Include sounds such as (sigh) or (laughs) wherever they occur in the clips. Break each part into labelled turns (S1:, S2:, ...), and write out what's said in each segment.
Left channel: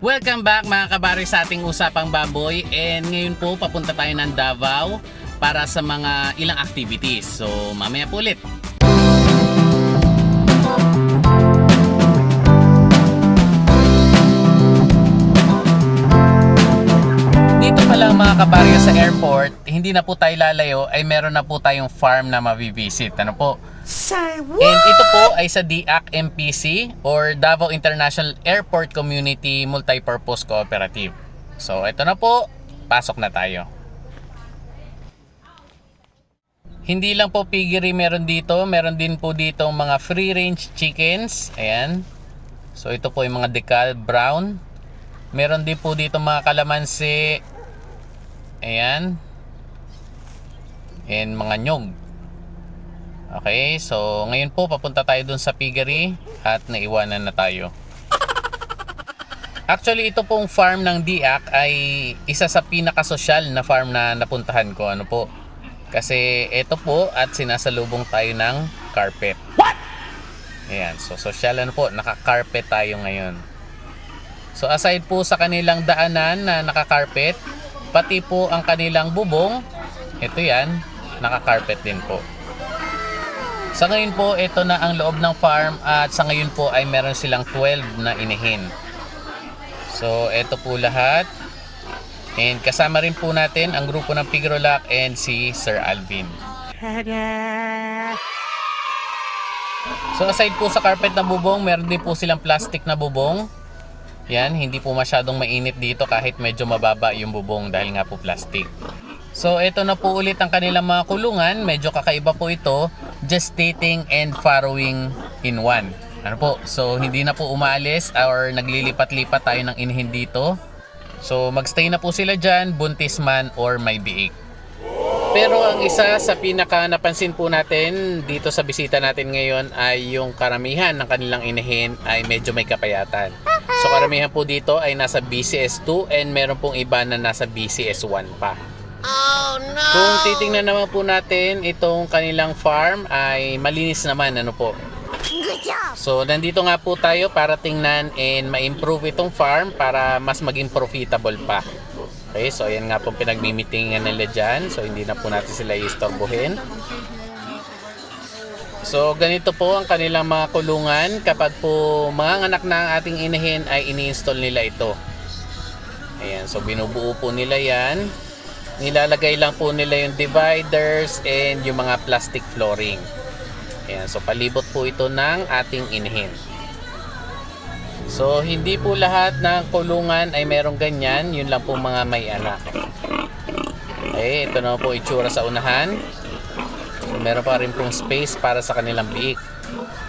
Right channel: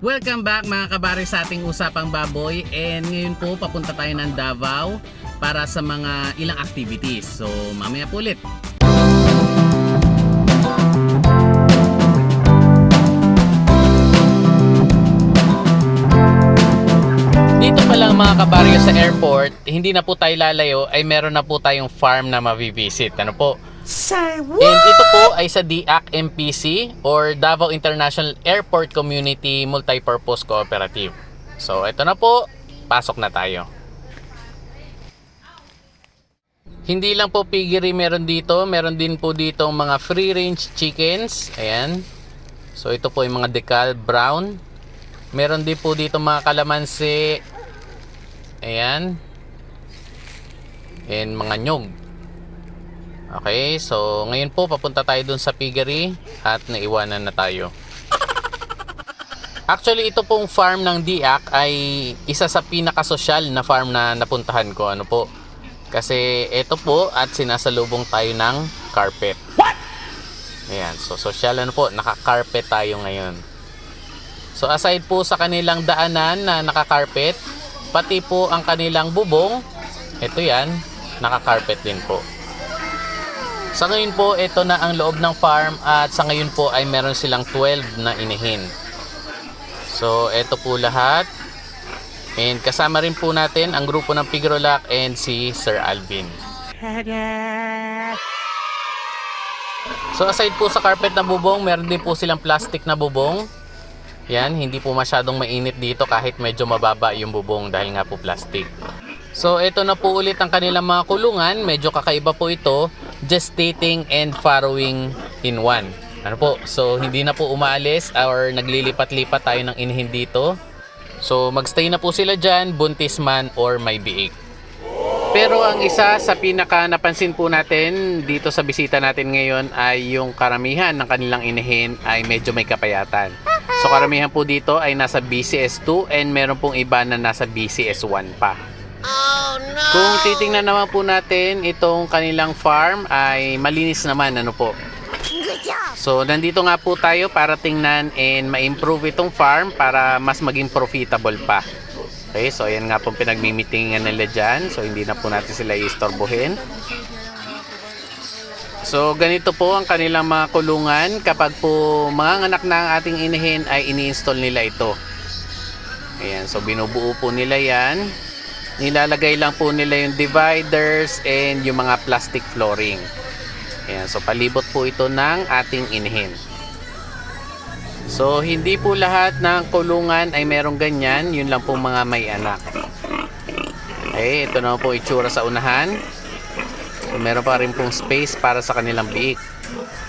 S1: Welcome back mga kabari sa ating usapang baboy and ngayon po papunta tayo ng Davao para sa mga ilang activities. So mamaya po ulit. Dito pa lang mga kabaryo sa airport, hindi na po tayo lalayo ay meron na po tayong farm na mabivisit. Ano po?
S2: Say what?
S1: And ito po ay sa DIAC MPC or Davao International Airport Community Multipurpose Cooperative. So ito na po, pasok na tayo. Hindi lang po piggery meron dito, meron din po dito mga free range chickens. Ayan. So ito po yung mga decal brown. Meron din po dito mga kalamansi. Ayan. And mga nyog. Okay, so ngayon po papunta tayo dun sa piggery at naiwanan na tayo. (laughs) Actually, ito pong farm ng Diak ay isa sa pinakasosyal na farm na napuntahan ko. Ano po? Kasi ito po at sinasalubong tayo ng carpet. What? Ayan, so social ano po, naka-carpet tayo ngayon. So aside po sa kanilang daanan na naka-carpet, pati po ang kanilang bubong, ito yan, naka-carpet din po. Sa ngayon po, ito na ang loob ng farm at sa ngayon po ay meron silang 12 na inihin. So, ito po lahat. And kasama rin po natin ang grupo ng Pigrolac and si Sir Alvin. (laughs) So, aside po sa carpet na bubong, meron din po silang plastic na bubong. Yan, hindi po masyadong mainit dito kahit medyo mababa yung bubong dahil nga po plastic. So, ito na po ulit ang kanilang mga kulungan. Medyo kakaiba po ito. Gestating and farrowing in one. Ano po? So, hindi na po umaalis or naglilipat-lipat tayo ng inhin dito. So, magstay na po sila dyan, buntis man or may biik. Pero ang isa sa pinaka napansin po natin dito sa bisita natin ngayon ay yung karamihan ng kanilang inahin ay medyo may kapayatan. So karamihan po dito ay nasa BCS2 and meron pong iba na nasa BCS1 pa. Kung titingnan naman po natin itong kanilang farm ay malinis naman ano po.
S2: Good job!
S1: So nandito nga po tayo para tingnan and ma-improve itong farm para mas maging profitable pa. Okay, so ayan nga po pinagmimitingan nila dyan. So hindi na po natin sila istorbohin. So ganito po ang kanilang mga kulungan. Kapag po mga anak na ang ating inahin ay ini-install nila ito. Ayan, so binubuo po nila yan. Nilalagay lang po nila yung dividers and yung mga plastic flooring. Ayan, so palibot po ito ng ating inahin. So, hindi po lahat ng kulungan ay merong ganyan. Yun lang po mga may anak. Okay, ito naman po itsura sa unahan. So, meron pa rin pong space para sa kanilang biik.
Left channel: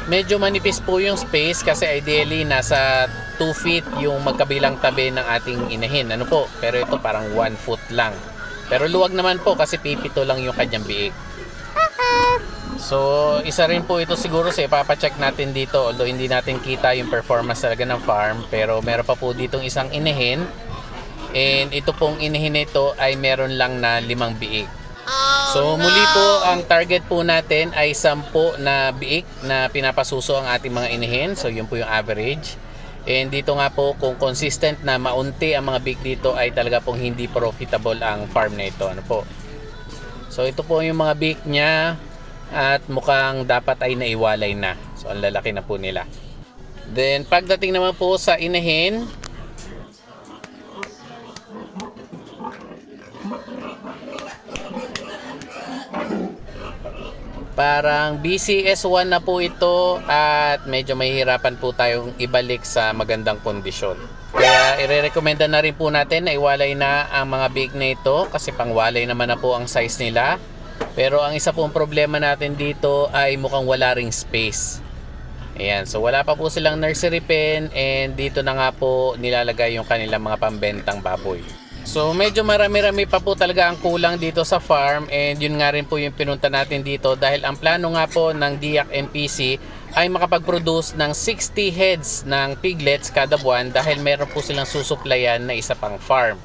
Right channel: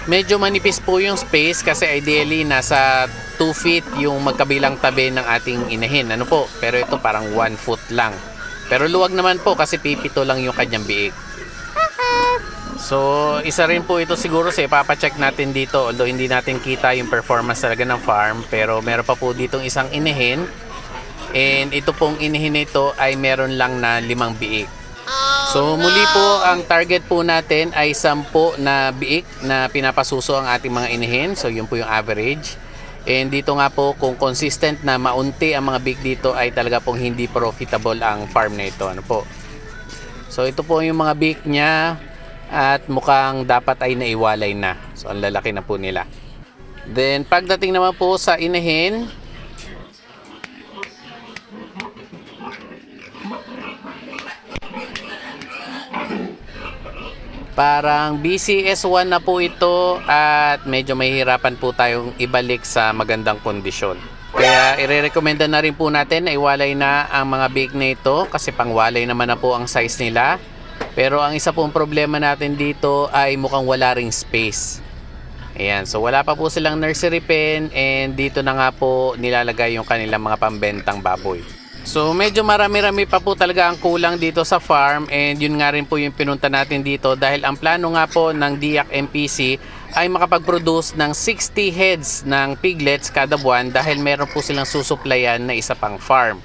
S1: Medyo manipis po yung space kasi ideally nasa 2 feet yung magkabilang tabi ng ating inahin. Ano po? Pero ito parang 1 foot lang. Pero luwag naman po kasi pipito lang yung kanyang biik. (laughs) So, isa rin po ito siguro sa ipapacheck natin dito. Although hindi natin kita yung performance talaga ng farm. Pero meron pa po ditong isang inahin. And ito pong inahin na ito ay meron lang na limang biik. So muli po ang target po natin ay 10 na biik na pinapasuso ang ating mga inahin. So yun po yung average. And dito nga po kung consistent na maunti ang mga biik dito ay talaga pong hindi profitable ang farm na ito. Ano po? So ito po yung mga biik niya at mukhang dapat ay naiwalay na. So ang lalaki na po nila. Then pagdating naman po sa inahin, Parang BCS1 na po ito at medyo mahihirapan po tayong ibalik sa magandang kondisyon. Kaya ire-recommenda na rin po natin na iwalay na ang mga big na ito kasi pangwalay naman na po ang size nila. Pero ang isa pong problema natin dito ay mukhang wala ring space. Ayan, so wala pa po silang nursery pen and dito na nga po nilalagay yung kanilang mga pambentang baboy. So medyo marami-rami pa po talaga ang kulang dito sa farm and yun nga rin po yung pinunta natin dito dahil ang plano nga po ng DIAC MPC ay makapag-produce ng 60 heads ng piglets kada buwan dahil meron po silang susuplayan na isa pang farm.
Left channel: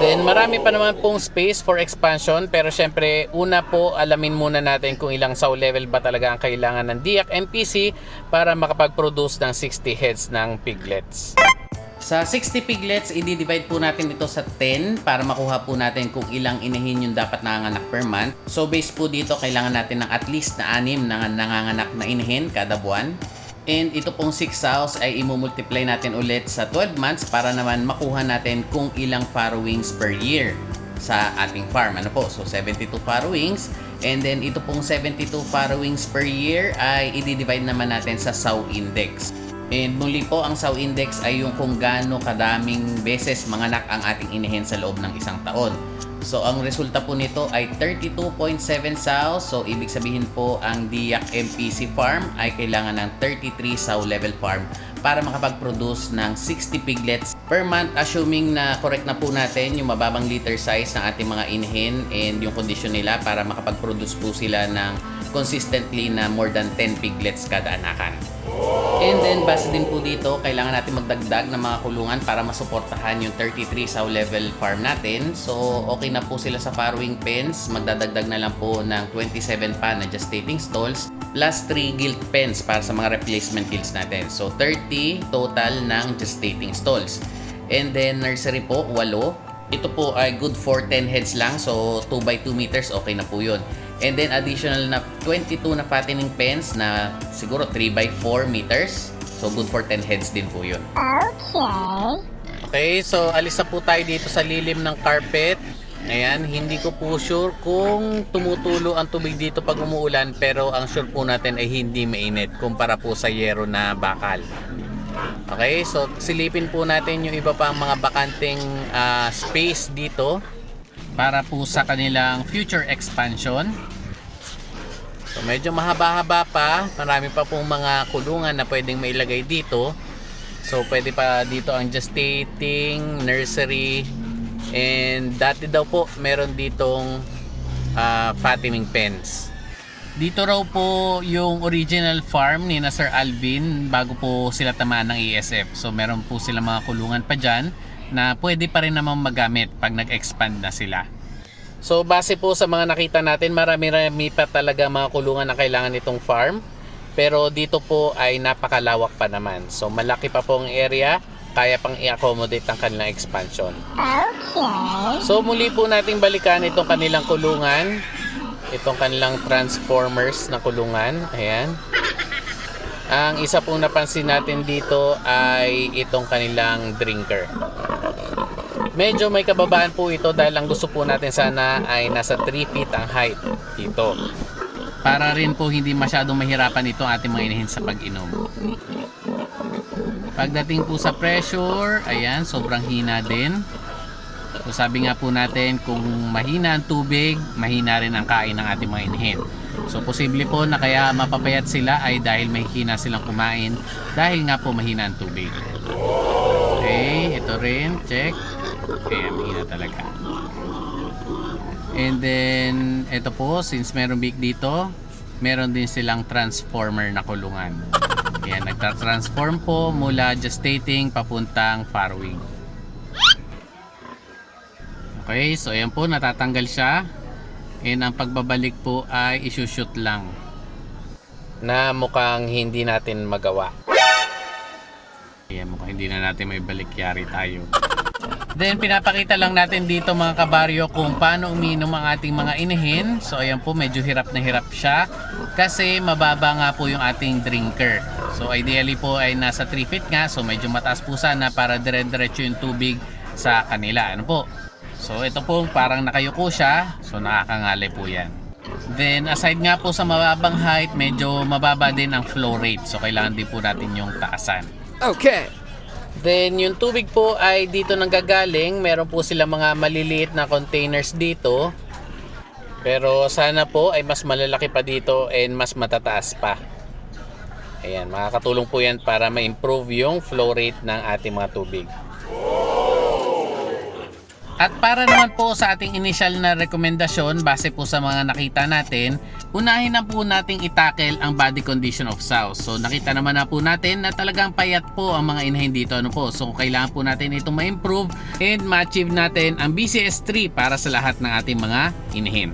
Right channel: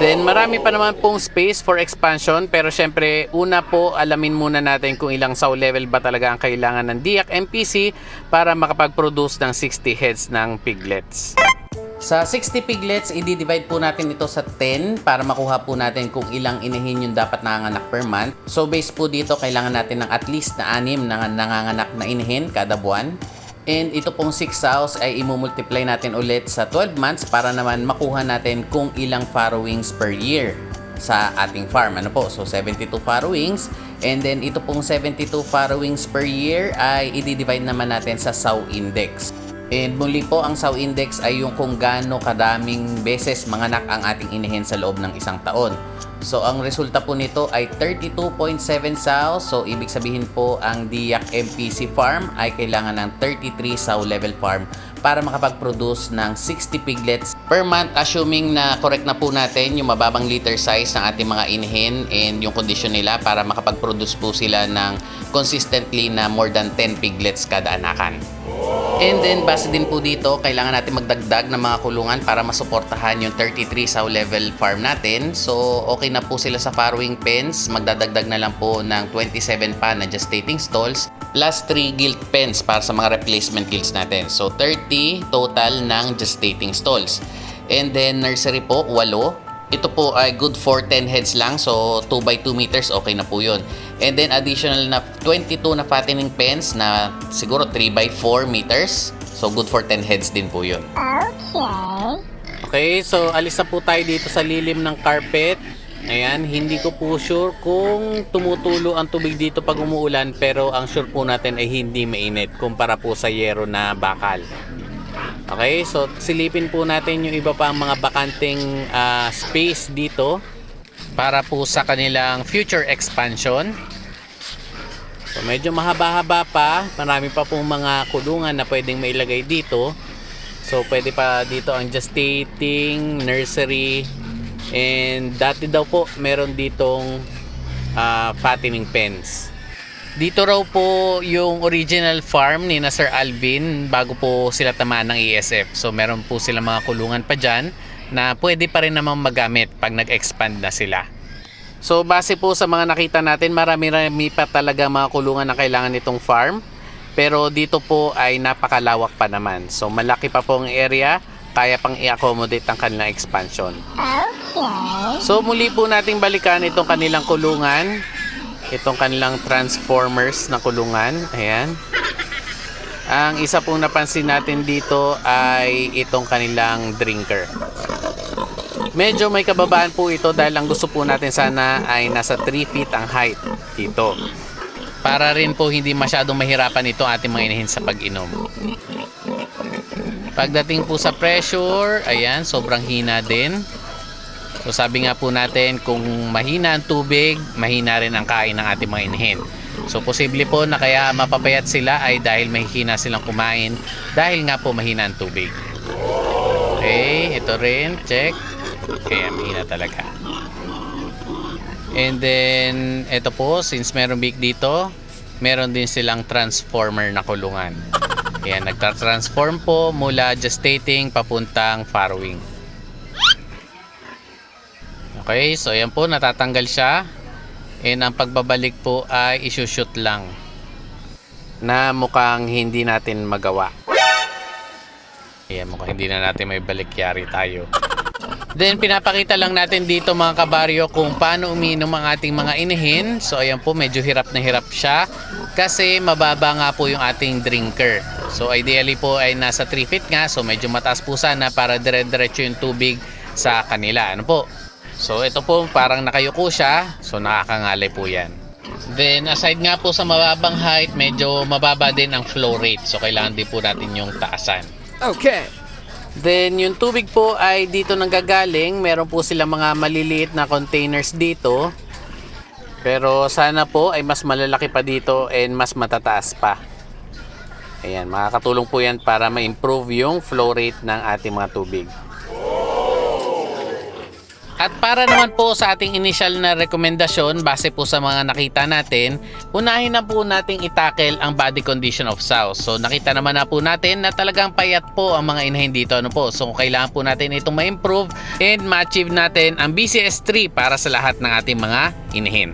S1: Then marami pa naman pong space for expansion pero syempre una po alamin muna natin kung ilang sow level ba talaga ang kailangan ng DIAC MPC para makapag-produce ng 60 heads ng piglets. Sa 60 piglets, i-divide po natin ito sa 10 para makuha po natin kung ilang inahin yung dapat nanganganak per month. So based po dito, kailangan natin ng at least na 6 na nanganganak na inahin kada buwan. And ito pong 6 sows ay imumultiply natin ulit sa 12 months para naman makuha natin kung ilang farrowings per year sa ating farm. Ano po? So 72 farrowings. And then ito pong 72 farrowings per year ay i-divide naman natin sa sow index. And muli po, ang sow index ay yung kung gaano kadaming beses manganak ang ating inahin sa loob ng isang taon. So, ang resulta po nito ay 32.7 sows. So, ibig sabihin po, ang Diak MPC farm ay kailangan ng 33 sow level farm para makapag-produce ng 60 piglets per month assuming na correct na po natin yung mababang liter size ng ating mga inahin and yung condition nila para makapag-produce po sila ng consistently na more than 10 piglets kada anakan. And then, base din po dito, kailangan natin magdagdag ng mga kulungan para masuportahan yung 33 sow level farm natin. So, okay na po sila sa farrowing pens. Magdadagdag na lang po ng 27 pa na gestating stalls plus 3 gilt pens para sa mga replacement gilts natin. So, 30 total ng gestating stalls. And then, nursery po, 8. Ito po ay good for 10 heads lang. So, 2 by 2 meters, okay na po yun. And then, additional na 22 na fattening pens na siguro 3 by 4 meters. So, good for 10 heads din po yun.
S2: Okay.
S1: Okay, so alis na po tayo dito sa lilim ng carpet. Ayan, hindi ko po sure kung tumutulo ang tubig dito pag umuulan pero ang sure po natin ay hindi mainit kumpara po sa yero na bakal. Okay, so silipin po natin yung iba pang mga bakanting ah, space dito para po sa kanilang future expansion. So medyo mahaba-haba pa, marami pa pong mga kulungan na pwedeng mailagay dito. So pwede pa dito ang gestating, nursery, and dati daw po meron ditong ah, fattening pens. Dito raw po yung original farm ni na Sir Alvin bago po sila tamaan ng ESF. So meron po sila mga kulungan pa dyan na pwede pa rin naman magamit pag nag-expand na sila. So base po sa mga nakita natin, marami-rami pa talaga mga kulungan na kailangan nitong farm. Pero dito po ay napakalawak pa naman. So malaki pa po ang area, kaya pang i-accommodate ang kanilang expansion.
S2: Okay.
S1: So muli po nating balikan itong kanilang kulungan. Itong kanilang transformers na kulungan. Ayan. Ang isa pong napansin natin dito ay itong kanilang drinker. Medyo may kababaan po ito dahil ang gusto po natin sana ay nasa 3 feet ang height dito. Para rin po hindi masyadong mahirapan ito ating mga inahin sa pag-inom. Pagdating po sa pressure, ayan, sobrang hina din. So sabi nga po natin, kung mahina ang tubig, mahina rin ang kain ng ating mga inahin. So posible po na kaya mapapayat sila ay dahil mahina silang kumain dahil nga po mahina ang tubig. Okay, ito rin, check. Okay, mahina talaga. And then, ito po, since meron big dito, meron din silang transformer na kulungan. Ayan, nagtra-transform po mula gestating papuntang farrowing. Okay, so ayan po, natatanggal siya. And ang pagbabalik po ay isushoot lang. Na mukhang hindi natin magawa. Ayan, mukhang hindi na natin may balikyari tayo. (laughs) Then pinapakita lang natin dito mga kabaryo kung paano uminom ang ating mga inahin. So ayan po medyo hirap na hirap siya kasi mababa nga po yung ating drinker. So ideally po ay nasa 3 feet nga so medyo mataas po sana para dire-diretso yung tubig sa kanila. Ano po? So ito po parang nakayuko siya so nakakangalay po yan. Then aside nga po sa mababang height medyo mababa din ang flow rate so kailangan din po natin yung taasan.
S3: Okay.
S1: Then yung tubig po ay dito nanggagaling. Meron po sila mga maliliit na containers dito. Pero sana po ay mas malalaki pa dito and mas matataas pa. Ayan, makakatulong po yan para ma-improve yung flow rate ng ating mga tubig. At para naman po sa ating initial na rekomendasyon base po sa mga nakita natin, unahin na po nating itakel ang body condition of sows. So nakita naman na po natin na talagang payat po ang mga inahin dito. Ano po? So kailangan po natin itong ma-improve and ma-achieve natin ang BCS3 para sa lahat ng ating mga inahin.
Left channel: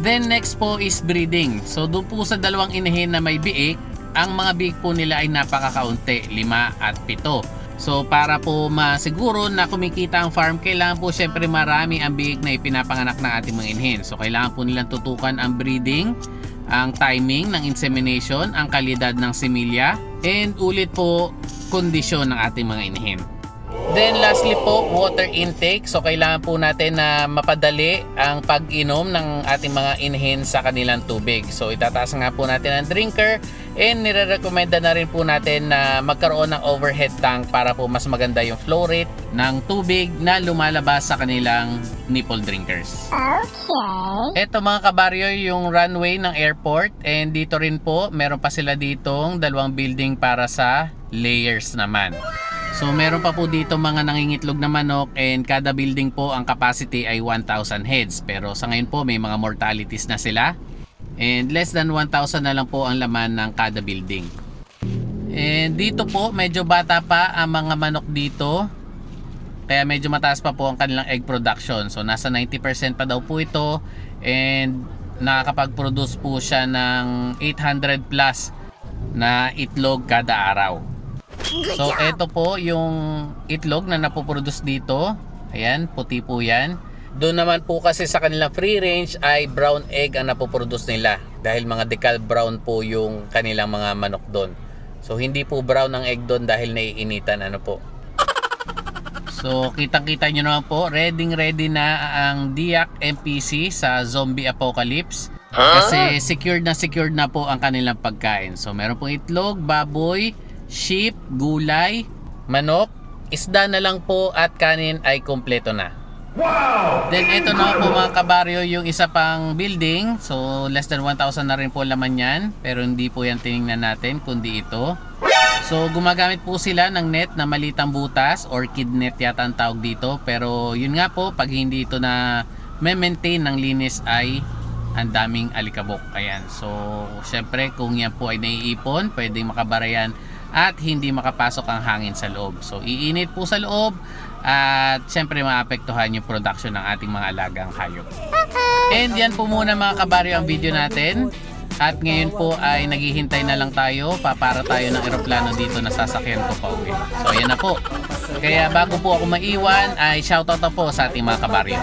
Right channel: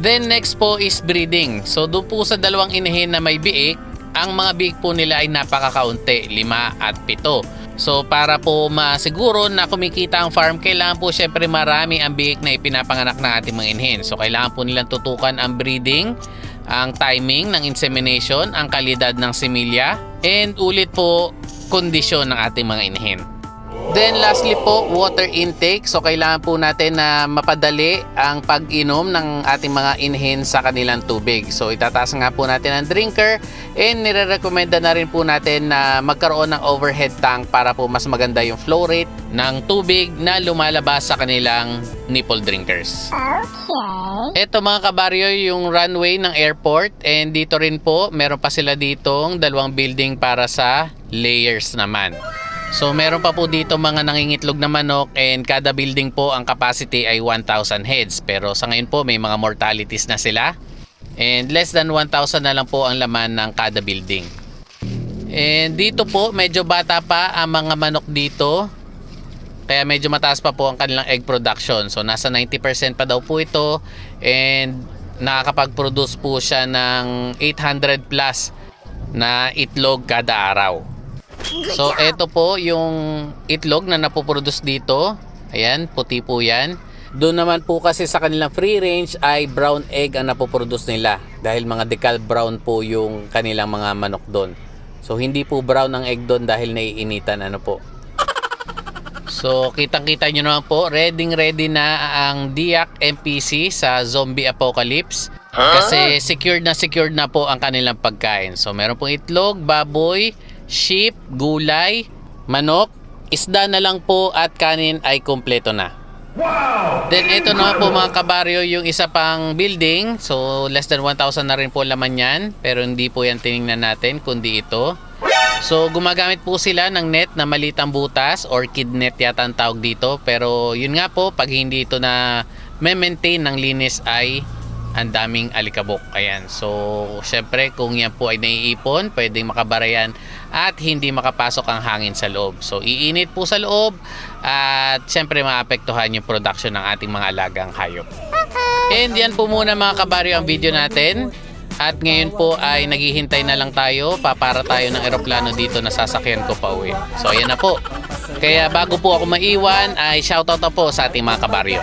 S1: Then next po is breeding. So doon po sa dalawang inahin na may biik, ang mga biik po nila ay napakakaunti, 5 at 7. So para po masiguro na kumikita ang farm, kailangan po syempre marami ang biik na ipinapanganak ng ating mga inhen. So kailangan po nilang tutukan ang breeding, ang timing ng insemination, ang kalidad ng similya, and ulit po kondisyon ng ating mga inhen. Then lastly po, water intake. So kailangan po natin na mapadali ang pag-inom ng ating mga inhen sa kanilang tubig. So itataas nga po natin ang drinker and nire-recommenda na rin po natin na magkaroon ng overhead tank para po mas maganda yung flow rate ng tubig na lumalabas sa kanilang nipple drinkers.
S2: Okay.
S1: Ito mga kabaryo yung runway ng airport and dito rin po meron pa sila ditong dalawang building para sa layers naman. So meron pa po dito mga nangingitlog na manok and kada building po ang capacity ay 1,000 heads. Pero sa ngayon po may mga mortalities na sila and less than 1,000 na lang po ang laman ng kada building. And dito po medyo bata pa ang mga manok dito kaya medyo mataas pa po ang kanilang egg production. So nasa 90% pa daw po ito and nakakapag-produce po siya ng 800 plus na itlog kada araw. So ito po yung itlog na napoproduce dito. Ayan, puti po yan. Doon naman po kasi sa kanilang free range ay brown egg ang napoproduce nila dahil mga decal brown po yung kanilang mga manok doon. So hindi po brown ang egg doon dahil naiinitan ano po. So, kitang-kita nyo naman po, ready ready na ang Diak MPC sa Zombie Apocalypse. Kasi secured na secured na po ang kanilang pagkain. So, meron pong itlog, baboy, sheep, gulay, manok, isda na lang po at kanin ay kompleto na. Then ito na po mga kabaryo yung isa pang building. So less than 1,000 na rin po laman yan. Pero hindi po yan tiningnan natin kundi ito. So gumagamit po sila ng net na malitang butas or kid net yata ang tawag dito. Pero yun nga po pag hindi ito na may maintain ng linis ay ang daming alikabok. Ayan. So syempre kung yan po ay naiipon pwedeng makabara yan at hindi makapasok ang hangin sa loob. So iinit po sa loob at syempre maapektuhan yung production ng ating mga alagang hayop. And yan po muna mga kabaryo ang video natin. At ngayon po ay naghihintay na lang tayo. Papara tayo ng eroplano dito na sasakyan ko pa uwi. So ayan na po. Kaya bago po ako maiwan ay shoutout na po sa ating mga kabaryo.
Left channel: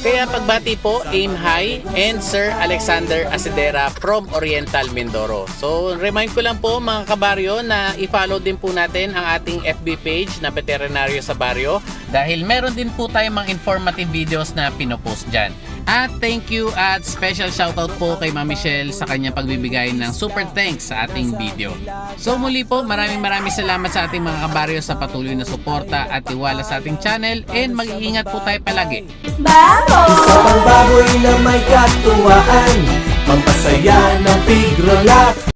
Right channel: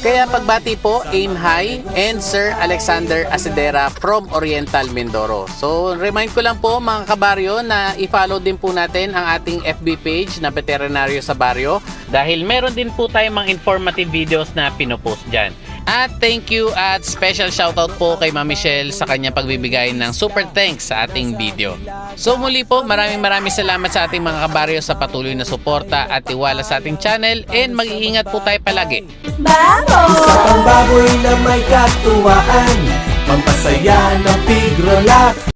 S1: Kaya pagbati po, aim high and Sir Alexander Asidera from Oriental Mindoro. So remind ko lang po mga kabaryo na i-follow din po natin ang ating FB page na Veterinaryo sa Baryo dahil meron din po tayong mga informative videos na pinopost dyan. At thank you at special shoutout po kay Ma'am Michelle sa kanyang pagbibigay ng super thanks sa ating video. So muli po, maraming maraming salamat sa ating mga kabaryo sa patuloy na suporta at tiwala sa ating channel and mag-iingat po tayo palagi.
S3: Isa pang baboy na may katuwaan Pampasaya ng pig roll